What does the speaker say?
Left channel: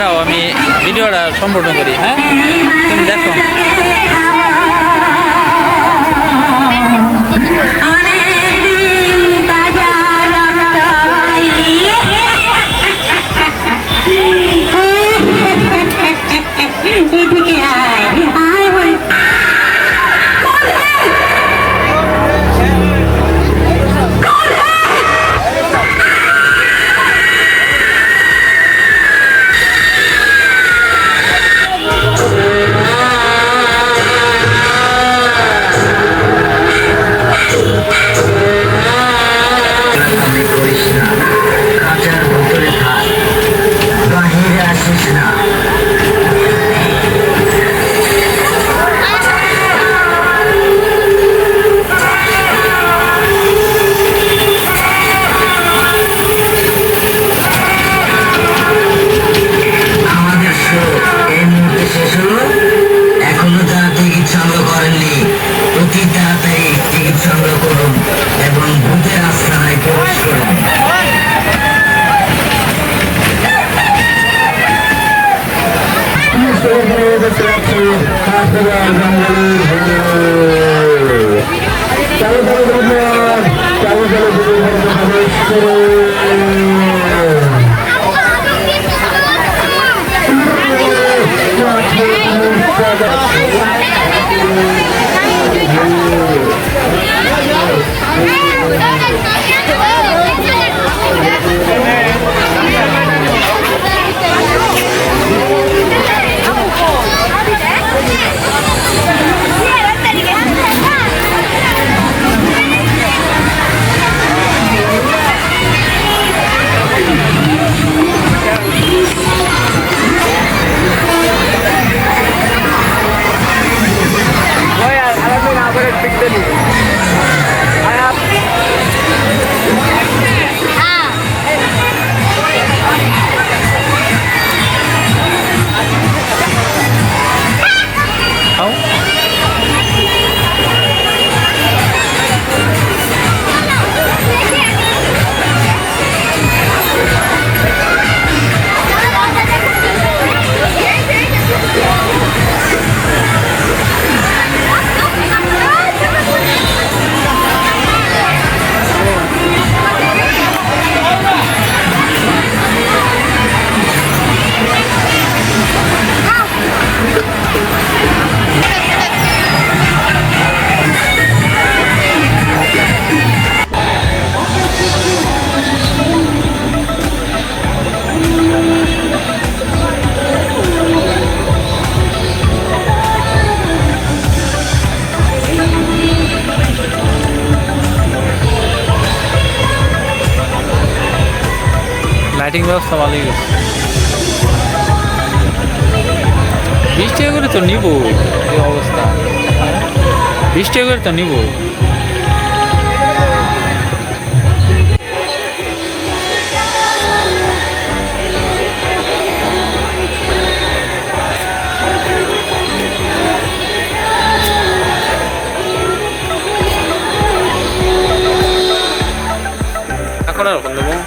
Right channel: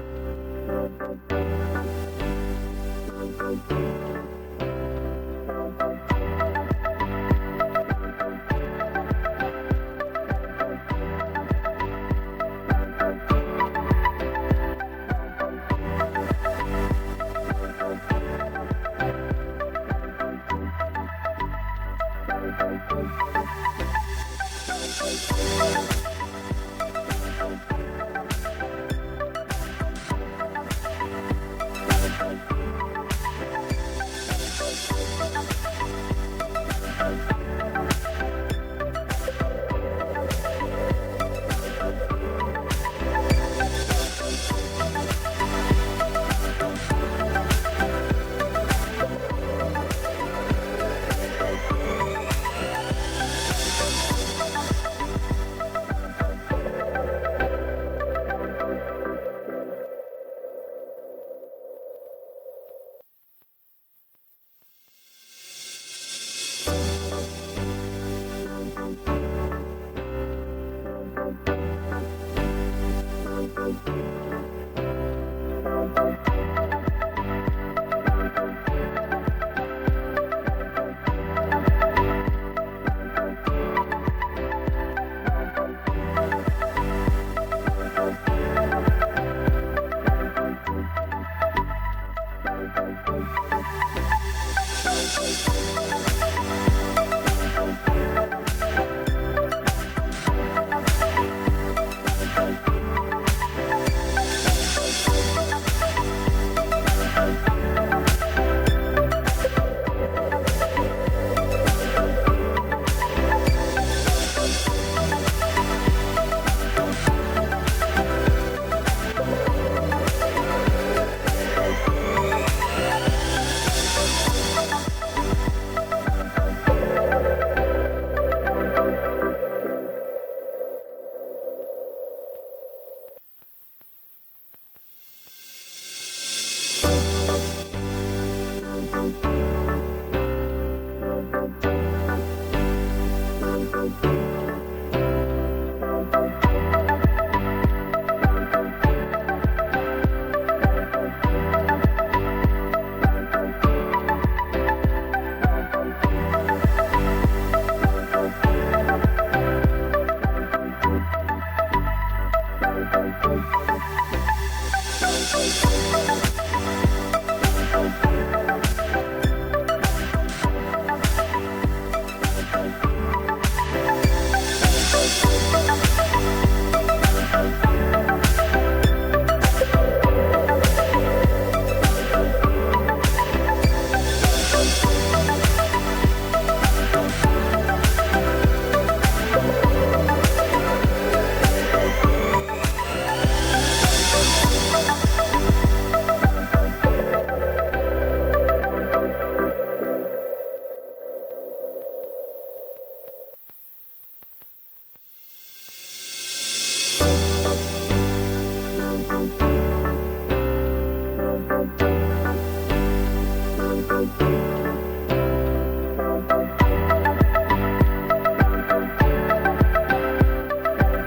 দাঁড়াও আমি ভিডিওটা সম্পূর্ণ করি হ্যাঁ? তুমি দেখো। காட்டுவார்கள் ব্যাটিং ব্যবস্থা ভালোই গেছে বিশ টাকা করে তো নিব এই অবস্থা বিশ টাকা করে তো নিব Gracias.